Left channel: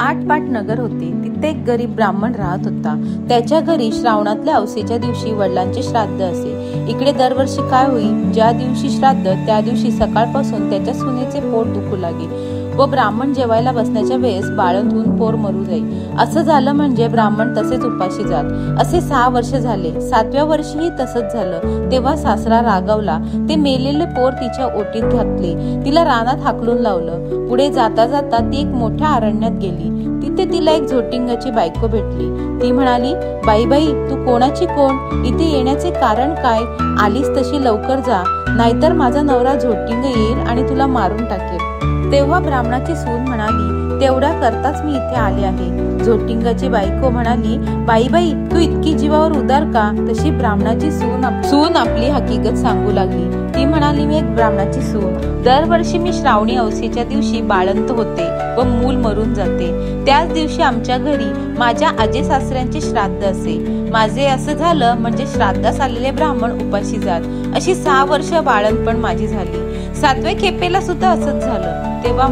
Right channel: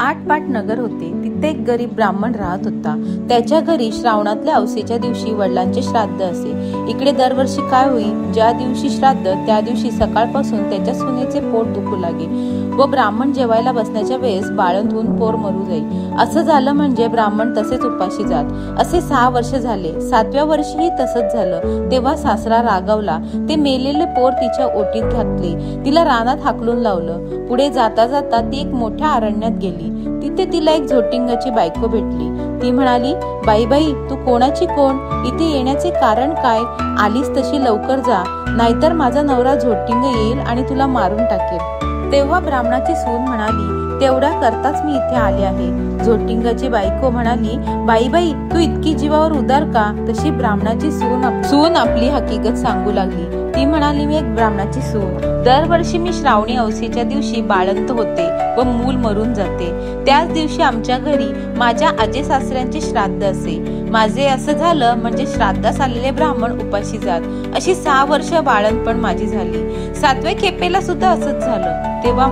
आटपाट नगर होते. तिथे एक गरीब ब्राह्मण राहत होता. त्याच्या घरी श्रावणातल्या अवसेच्या दिवशी वडिलांचे श्राद्ध असे. इकडे दरवर्षी काय होई, ज्या दिवशी श्राद्ध त्या दिवशी सकाळपासून त्याच्या सुनेचे पोट दुखू लागे व ब्राह्मण जेवायला बसण्याच्या वेळेस बाळंत होऊन पोर मरू जाई. असं झालं म्हणजे ब्राह्मण तसेच उपाशी जात. असे 6 वर्ष झाले. 7व्या वर्षीही तसंच झालं. तेव्हा सासरा रागावला. ते मेलेले पोर तिच्या ओटीत घातले. तिला रानात हाकलून लावलं. पुढे जाता जाता ती एक मोठ्या अरण्यात गेली. तिथे तिला एक झोटिंगाची बायको भेटली. ती म्हणाली, बाई बाई, तू कोणाची कोण? इथे येण्याचे कारण काय? आलीस तशी लवकर जा, नाहीतर माझा नवरा झोटिंग येईल आणि तुला मारून टाकेल. तेव्हा ब्राह्मणाची सून म्हणाली, तेवढ्या करताच मी इथे आले आहे. झोटिंगाची बायको म्हणाली, बाई बाई, तू इतकी जीवावर उदार का? तशी ब्राह्मणाची सून आपली हकीकत सांगू लागली. ती म्हणाली, मी एक ब्राह्मणाची सून. दरवर्षी मी श्रावणी अवसेच्या दिवशी बाळंत होते व मूल मरून जाते. त्याच दिवशी आमच्या घरी माझ्या आजे सासऱ्यांचे श्राद्ध असे. माझे असं झालं म्हणजे श्राद्धास आलेले ब्राह्मण उपाशी जात. अशी 6 वर्ष बाळंतपण माझी झाली. 7व्या खेपेला सुद्धा असंच झालं. तेव्हा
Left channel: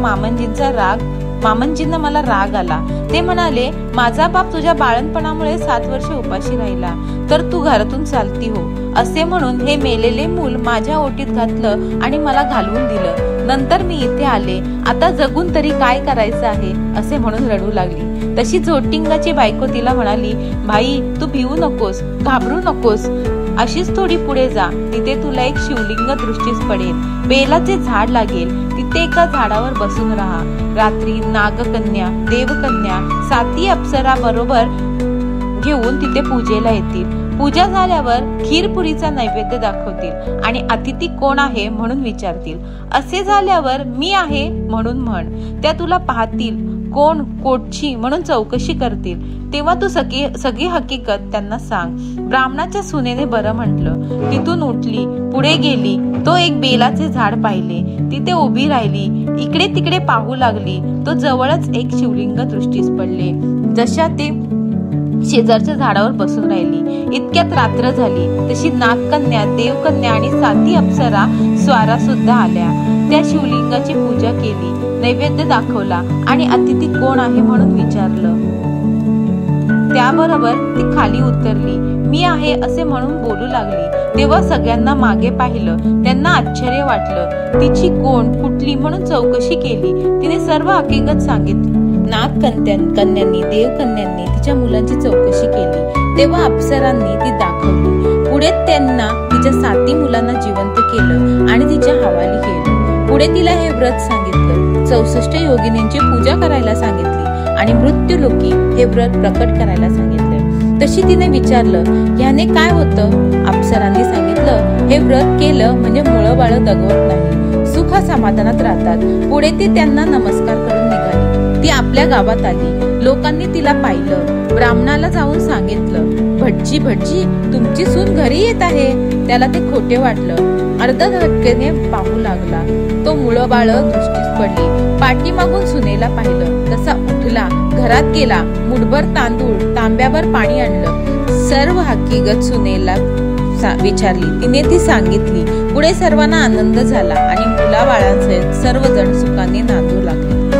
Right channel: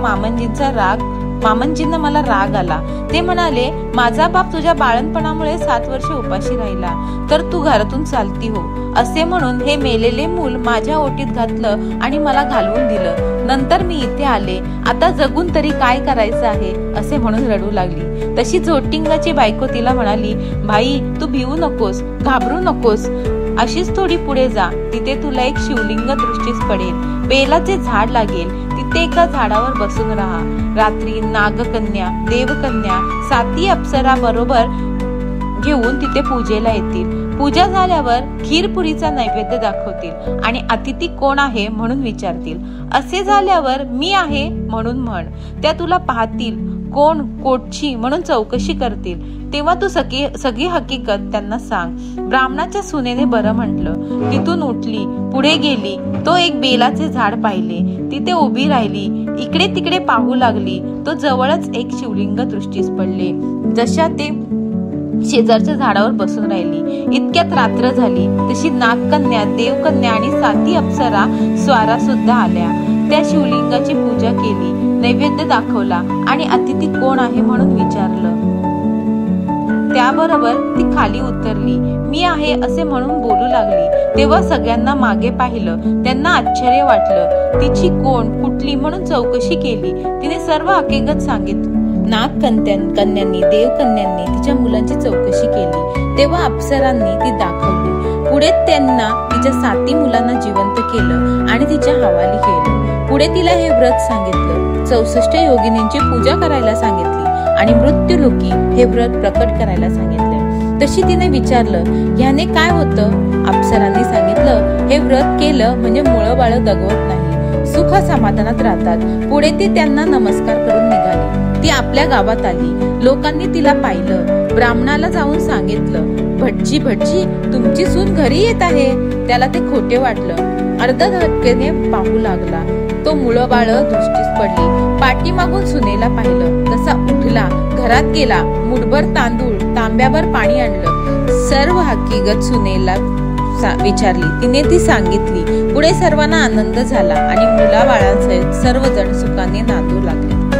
मामंजींना मला राग आला. ते म्हणाले, माझा बाप तुझ्या बाळणपणामुळे 7 वर्ष उपाशी राहिला, तर तू घरातून चालती हो. असे म्हणून हे मेलेले मूल माझ्या ओटीत घातलं आणि मला घालवून दिलं. नंतर मी इथे आले. आता जगून तरी काय करायचं आहे, असे म्हणून रडू लागली. तशी झोटिंगाची बायको तिला म्हणाली, भाई, तू भिवू नकोस, घाबरू नकोस. अशीच थोडी पुढे जा, तिथे तुला एक शिवलिंग दृष्टीस पडेल. बेलाचे झाड लागेल, तिथे एका झाडावर बसून राहा. रात्री नागकन्या, देवकन्या, 7 अप्सरा बरोबर घेऊन तिथे पूजेला येतील. पूजा झाल्यावर खीरपुरीचा नैवेद्य दाखवतील आणि अतिथी कोण आहे म्हणून विचारतील. असे झाल्यावर मी आहे म्हणून म्हण. त्या तुला पाहतील. कोण कोटची म्हणून चौकशी करतील. तेव्हा तू सगळी हकीकत त्यांना सांग. ब्राह्मणाच्या सुनेने बरं म्हटलं. तिथून उठली, पुढे गेली. तो एक बेलाचे झाड पाहिले. तिथे उभी राहिली. इकडे तिकडे पाहू लागली. तो जवळच एक शिवलिंग दृष्टीस पडले. जशा ते शेजारच्या झाडावर बसून राहिली. इतक्यात रात्र झाली. तशी नागकन्या, देवकन्या आणि 7 अप्सरा स्वारा सुद्धा आल्या. त्या शिवलिंगाची पूजा केली, नैवेद्य दाखवला आणि अतिथी कोण आहे म्हणून विचारलं. त्याबरोबर ती खाली उतरली. मी आहे असे म्हणून बोलू लागली. तेव्हा सगळ्यांना मागे पाहिलं. त्यांना आश्चर्य वाटलं. तिची कोण, कुठली म्हणून चौकशी केली. तिने सर्व हकीकत सांगितली. नागकन्यांनी, देवकन्यांनी तिच्या मुलांची चौकशी केली. तेव्हा अप्सरांनी ती दाखवली. पुढे त्यांना तिच्या 7 मुलांना जिवंत केलं आणि तिच्या हवाली केलं. पुढे तिला हे व्रत सांगितलं. 64 योगिनींची पूजा करायला सांगितली आणि मृत्यूलोकी हे व्रत प्रकट करायला सांगितले. तशी तिने विचारलं, ह्याने काय होतं? अप्सरांनी सांगितलं, हे व्रत केलं म्हणजे मुळं बाळ दगवत नाही, सुख समाधानात राहतात. पुढे ती त्यांना नमस्कार करून निघाली. ती आपल्या गावात आली. लोकांनी तिला पाहिलं. ब्राह्मणाला जाऊन सांगितलं, भटजी, तुमची सून घरी येत आहे. त्याला ते खोटे वाटलं. अर्धा धक्केने पाहू लागला. तो मुळं बाळ दृष्टीस पडली. पाठीमागून सुनेला पाहिलं. तसा उठला, घरात गेला. मुठभर तांदूळ, तांब्याभर पाणी आणलं. सर्व हकीकत सुनेला विचारली. तिने ती सांगितली. पुढे सर्वांना आनंद झाला आणि मुलाबाळांसहित सर्वजण सुखाने नांदू लागले.